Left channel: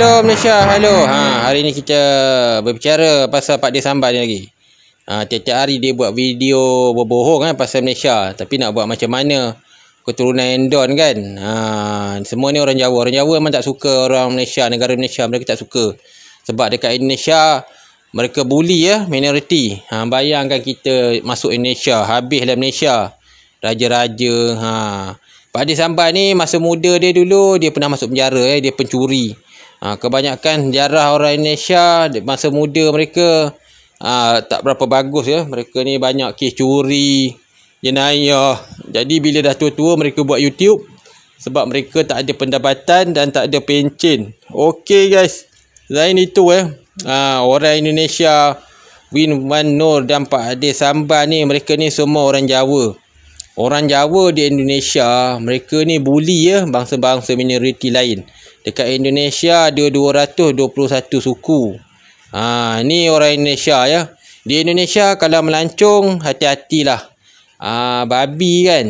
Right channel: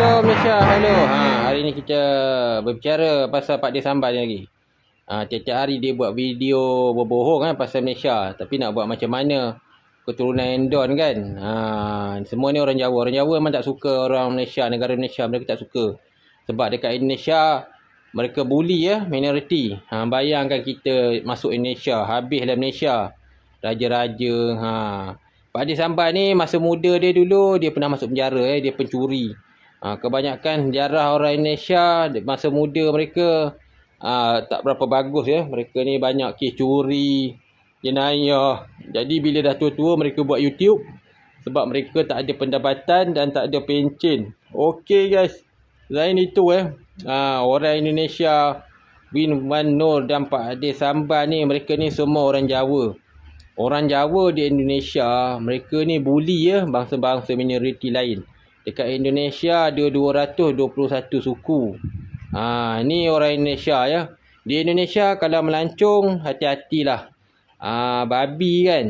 Hello Malaysia, hello. Hari ni kita berbicara pasal Pak Dir Sambal ni lagi. Tiap-tiap hari dia buat video berbohong pasal Malaysia, tapi nak buat macam mana keturunan Endon kan. Semua ni orang Jawa. Orang Jawa memang tak suka orang Malaysia, negara Malaysia. Mereka tak suka. Sebab dekat Indonesia mereka bully minoriti. Bayangkan kita masuk Indonesia, habislah Malaysia. Raja-raja. Pak Dir Sambal ni masa muda dia dulu dia pernah masuk penjara, dia pencuri. Kebanyakan sejarah orang Indonesia masa muda mereka tak berapa bagus Mereka ni banyak kes curi, jenayah. Jadi bila dah tua-tua mereka buat YouTube sebab mereka tak ada pendapatan dan tak ada pencen. Okey guys. Selain itu orang Indonesia Win Wan Nur dan Pak Dir Sambal ni, mereka ni semua orang Jawa. Orang Jawa di Indonesia, mereka ni bully bangsa-bangsa minoriti lain. Dekat Indonesia ada 221 suku. Ni orang Indonesia Di Indonesia kalau melancong, hati-hatilah. Babi kan.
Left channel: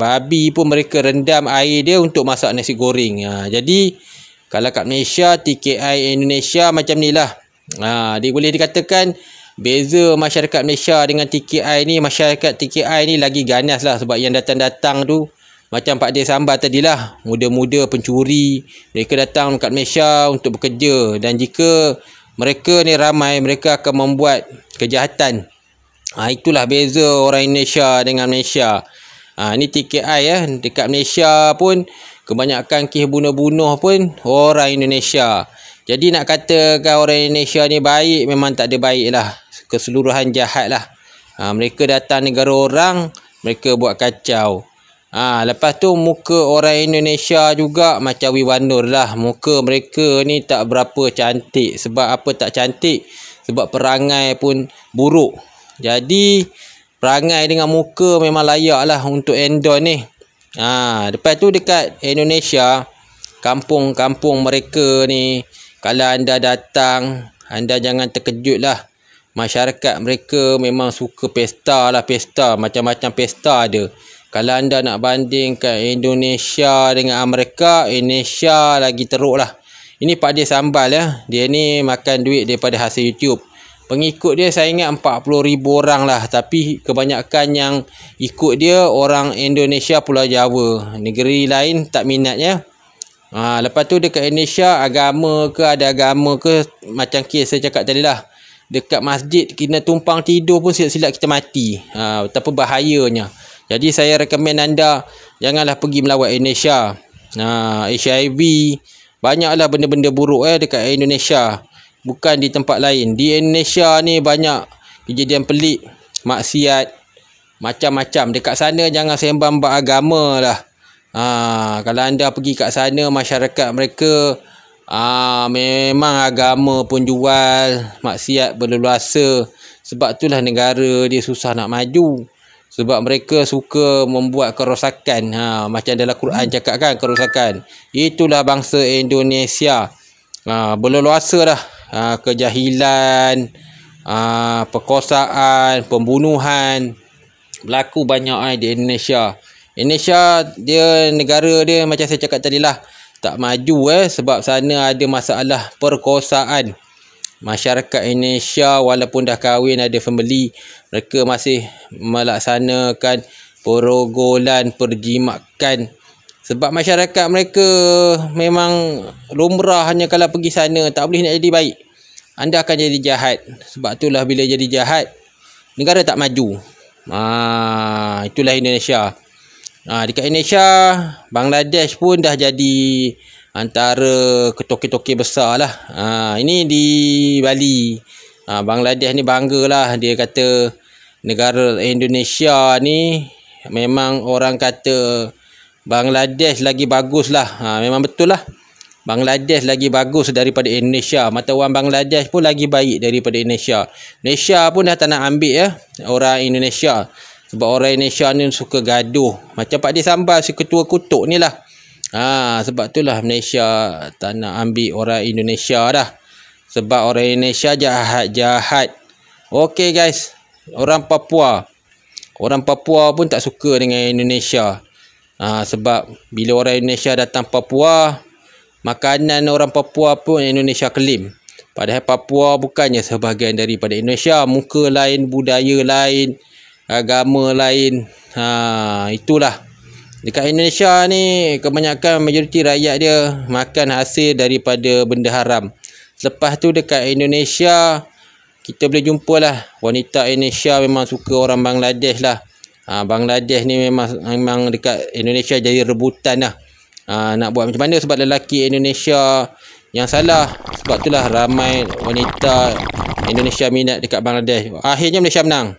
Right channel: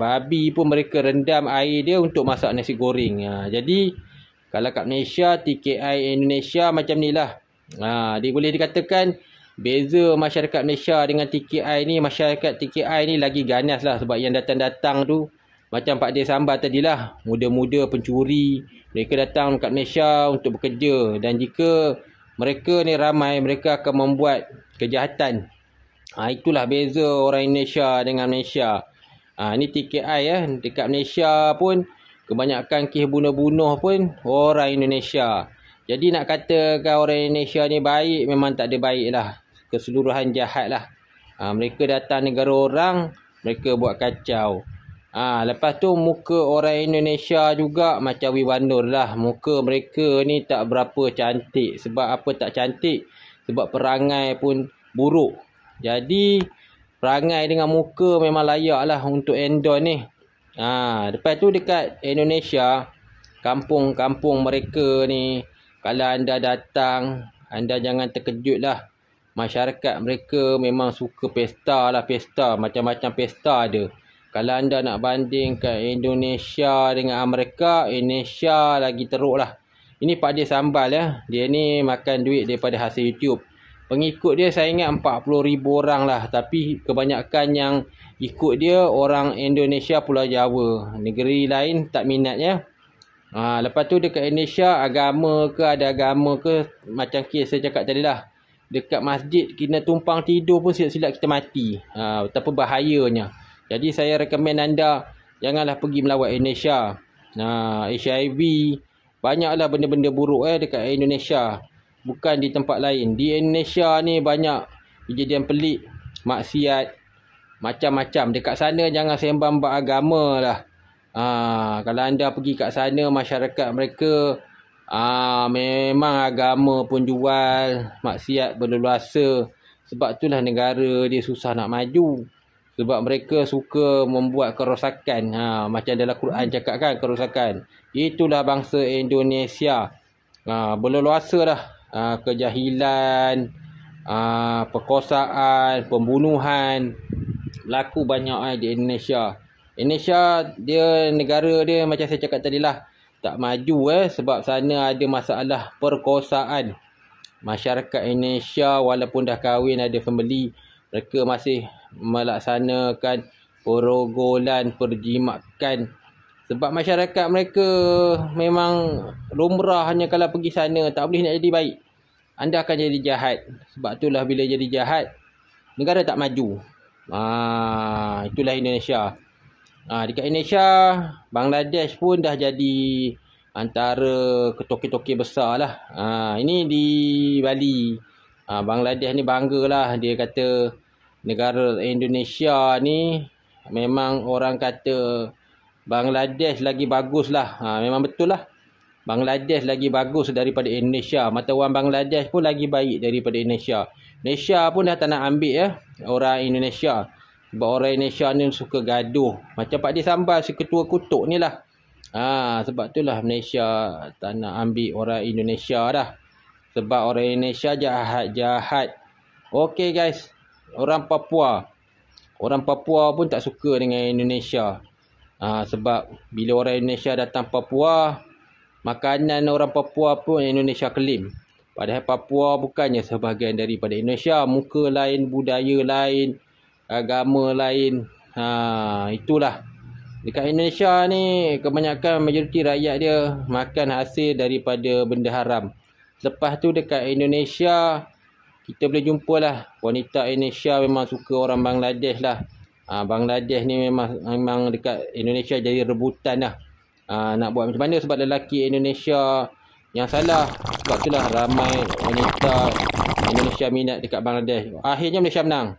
Babi pun mereka rendam air dia untuk masak nasi goreng. Jadi kalau kat Malaysia, TKI Indonesia macam ni lah. Dia boleh dikatakan beza masyarakat Malaysia dengan TKI ni. Masyarakat TKI ni lagi ganas lah. Sebab yang datang-datang tu macam Pak Dir Sambal tadilah, muda-muda pencuri. Mereka datang kat Malaysia untuk bekerja. Dan jika mereka ni ramai, mereka akan membuat kejahatan. Itulah beza orang Indonesia dengan Malaysia. Ini TKI dekat Malaysia pun kebanyakan kes bunuh-bunuh pun orang Indonesia. Jadi nak katakan orang Indonesia ni baik, memang tak ada baik lah. Keseluruhan jahat lah. Mereka datang negara orang, mereka buat kacau. Lepas tu muka orang Indonesia juga macam Win Wan Nur lah. Muka mereka ni tak berapa cantik. Sebab apa tak cantik? Sebab perangai pun buruk. Jadi perangai dengan muka memang layak lah untuk Endon ni. Lepas tu dekat Indonesia, kampung-kampung mereka ni, kalau anda datang, anda jangan terkejut lah. Masyarakat mereka memang suka pesta lah, pesta. Macam-macam pesta ada. Kalau anda nak bandingkan Indonesia dengan Amerika, Indonesia lagi teruk lah. Ini Pak Dir Sambal Dia ni makan duit daripada hasil YouTube. Pengikut dia saya ingat 40,000 orang lah. Tapi kebanyakan yang ikut dia orang Indonesia, Pulau Jawa. Negeri lain tak minatnya. Lepas tu dekat Indonesia, agama ke, ada agama ke, macam kes saya cakap tadi lah. Dekat masjid kena tumpang tidur pun silap-silap kita mati. Betapa bahayanya. Jadi saya rekomen anda janganlah pergi melawat Indonesia. HIV, banyaklah benda-benda buruk dekat Indonesia. Bukan di tempat lain. Di Indonesia ni banyak kejadian pelik, maksiat, macam-macam. Dekat sana jangan sembang beragama lah. Kalau anda pergi kat sana, masyarakat mereka memang agama pun jual, maksiat berleluasa. Sebab itulah negara dia susah nak maju. Sebab mereka suka membuat kerosakan. Macam dalam Quran cakap kan, kerosakan. Itulah bangsa Indonesia. Berleluasa dah. Kejahilan, perkosaan, pembunuhan berlaku banyak di Indonesia. Indonesia dia, negara dia macam saya cakap tadi lah, tak maju sebab sana ada masalah perkosaan. Masyarakat Indonesia walaupun dah kahwin, ada family, mereka masih melaksanakan perogolan, perjimakan. Sebab masyarakat mereka memang lumrah, hanya kalau pergi sana tak boleh nak jadi baik. Anda akan jadi jahat. Sebab itulah bila jadi jahat, negara tak maju. Itulah Indonesia. Dekat Indonesia, Bangladesh pun dah jadi antara ketoke-toke besar lah. Ini di Bali. Bangladesh ni bangga lah. Dia kata negara Indonesia ni, memang orang kata Bangladesh lagi bagus lah. Memang betul lah. Bangladesh lagi bagus daripada Indonesia. Mata wang Bangladesh pun lagi baik daripada Indonesia. Malaysia pun dah tak nak ambil orang Indonesia. Sebab orang Indonesia ni suka gaduh. Macam Pak Dir Sambal, si ketua kutuk ni lah. Sebab itulah Malaysia tak nak ambil orang Indonesia dah. Sebab orang Indonesia jahat-jahat. Okey guys. Orang Papua pun tak suka dengan Indonesia. Sebab bila orang Indonesia datang Papua, makanan orang Papua pun Indonesia claim. Padahal Papua bukannya sebahagian daripada Indonesia. Muka lain, budaya lain, agama lain. Itulah. Dekat Indonesia ni kebanyakan majoriti rakyat dia makan hasil daripada benda haram. Lepas tu dekat Indonesia kita boleh jumpa lah wanita Indonesia memang suka orang Bangladesh lah. Bangladesh ni memang dekat Indonesia jadi rebutan lah. Nak buat macam mana sebab lelaki Indonesia yang salah. Sebab itulah ramai wanita Indonesia minat dekat Bangladesh. Akhirnya Malaysia menang.